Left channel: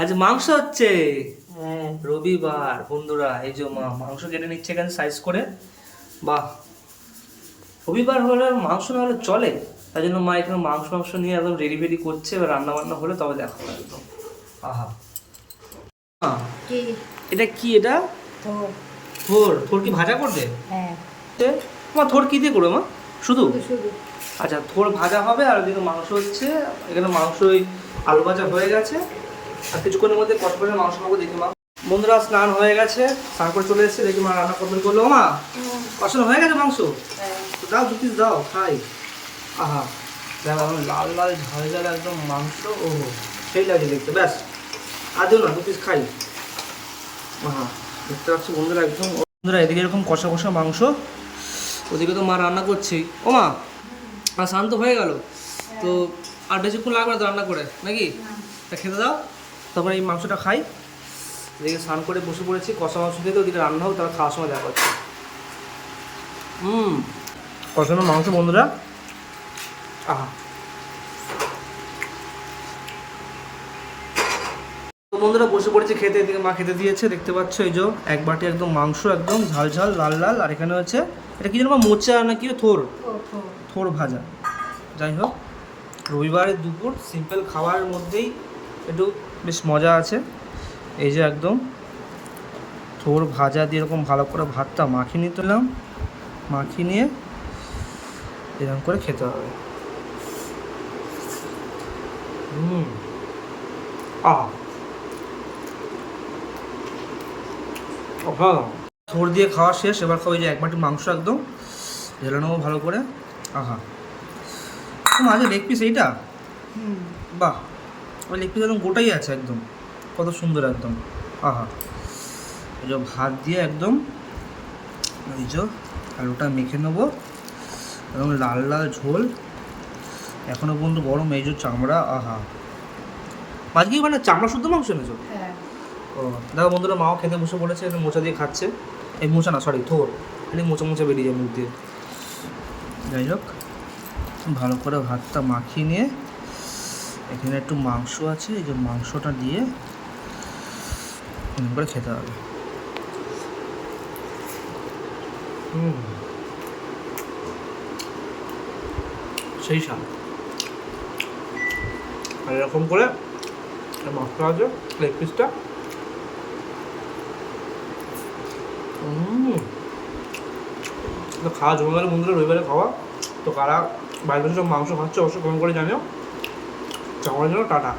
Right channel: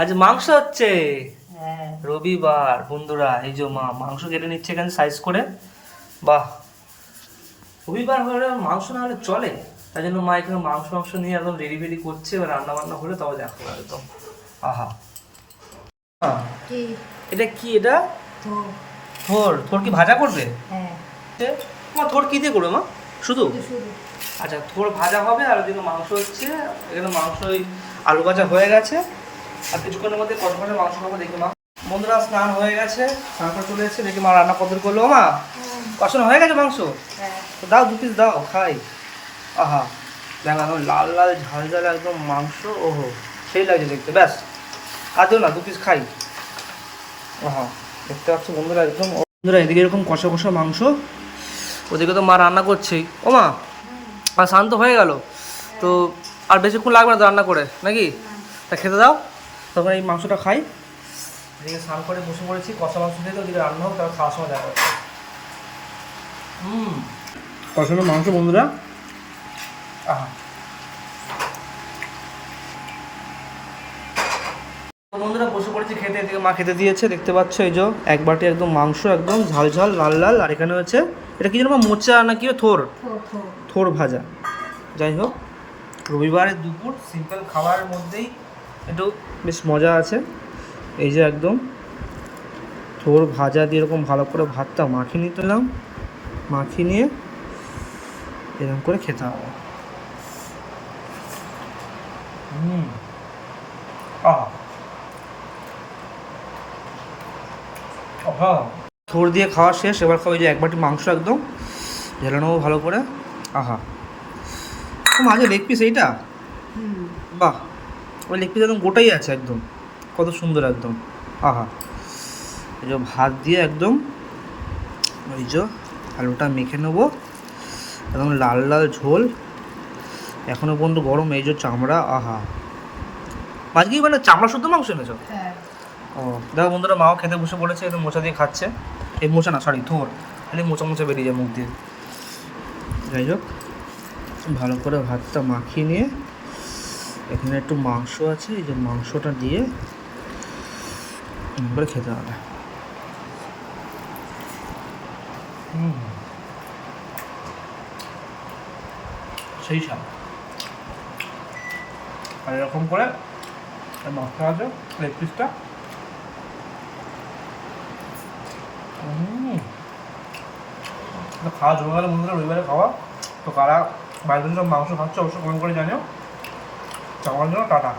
আজ মাংস হচ্ছে। রবিবার বন্ধুরা, এই যে মা মাংস কেটে নিচ্ছে এখানে সাইজ করে। বাহ, রবিবার হলে মাংস না হলে চলে, তাই জন্য মা এখানে মাংস নিয়ে একদম রেডি ফেডি করছে। এবার রান্না বান্না হলে তবে দেখাবো একদম। আহা, এটা কি? এটা থোর। থোর কি ভাজা করবে? মা থোর কি দিয়ে করবে মা? শুধু? আচ্ছা, থোর ভাজা হবে আর ওদিকে মাংস হচ্ছে। এখানে মাংস ওই আলু ভাজা হয়ে গেছে, আর কিছুক্ষণের মধ্যে কত করে মাংস খাবো দেখি মা। বন্ধুরা, স্নান হয়ে গেছে, স্নান করে চলে এসেছে, দেখি মা রান্না কত করলো। মা কষানো হয়ে গেছে মাংস? তো দাও, 2 পিস দাও, খাই। আহা, দেখো একদম লাল লাল ঝাল ঝাল একদম মাংস। ওহো, সেই লাগছে দেখতে। ব্যাস, আর দিও না, 2 পিস খাই। আহা, দেখতে পাচ্ছি বন্ধুরা একদম। বন্ধুরা, এদিকে এরকম কষা কষা মাংস, ওদিকে তো মা রান্না করছেই। ও মা, আর স্নান তো হয়ে গেল, তো আর বেশিক্ষণ লাগবে না তো রান্না করে, নাকি? তা খেতে দাও, তখন এই মাংসটা খাই। এদিকে স্নান করে বসে পড়েছি, কষা মাংস খেতে, ওদিকে রান্না হোক, তারপর খাওয়ার সময় দেখা হচ্ছে। কষানো মাংস বন্ধুরা, আহা। তো বন্ধুরা, বসে পড়েছি খেতে, এদিকে মা খেতে দিয়েছে, দেখতে পাচ্ছ। এই যে এক বাটি একদম মাংস, একদম ঝাল ঝাল লাল লাল। আর এখানে হচ্ছে এটা কি যেন মোচা না কি, থোর। থোর ভাজা। যাই হোক, রবিবারের দুপুর সিম্পল খাবারের মধ্যেই একটু বেশ মজা আছে। এই যে একদম থোর ভাজা দিয়ে এরকম ভালো করে ভাতটা মাখিয়ে নিলাম, মাখিয়ে নিয়ে এরকম করে খেতে হবে। থোর দিয়ে খাওয়া শেষ, এবার খাবো এই যে এক বাটি মাংস, একদম ঢেলে নেবো ভালো করে। আহা, মাঝে লেগ পিস এইটা, বাহ, ওই লেগ পিস একদম গোটাই আছে একদম, কত সুন্দর একদম। আহা, এই যে ভাত দিয়ে একদম ওই যে আলুটা মেখে নেবো, একদম লাল লাল ঝোল, এখনো পর্যন্ত গরম। এই যে চামড়া, আহা, আজকে মানে চামড়া শুদ্ধ মাংস এনেছো? ও দেখো বন্ধুরা, মাও খেতে বসে পড়েছে, একদম মোচা দিয়ে খাচ্ছে। এই মোচা না, সরি, থোর। খালি মোচা মোচা বেরিয়ে যায় মুখ দিয়ে। যাই হোক, ভালো করে ভাতটা মাখিয়ে নিয়ে এখানে একটু মাংস আছে, এই যে মাংসটা দিয়ে করে খেতে হবে। সেই স্বাদ। আর এরকম করে মাংসটা আছে, লেগ পিসটা, খাওয়া জমে গেলে বন্ধুরা, রবিবারে খাওয়া। তো কারা বাইরে সব মাংস খাচ্ছে অবশ্যই কমেন্ট করে জানিও। চাওয়ার জন্য টাটা।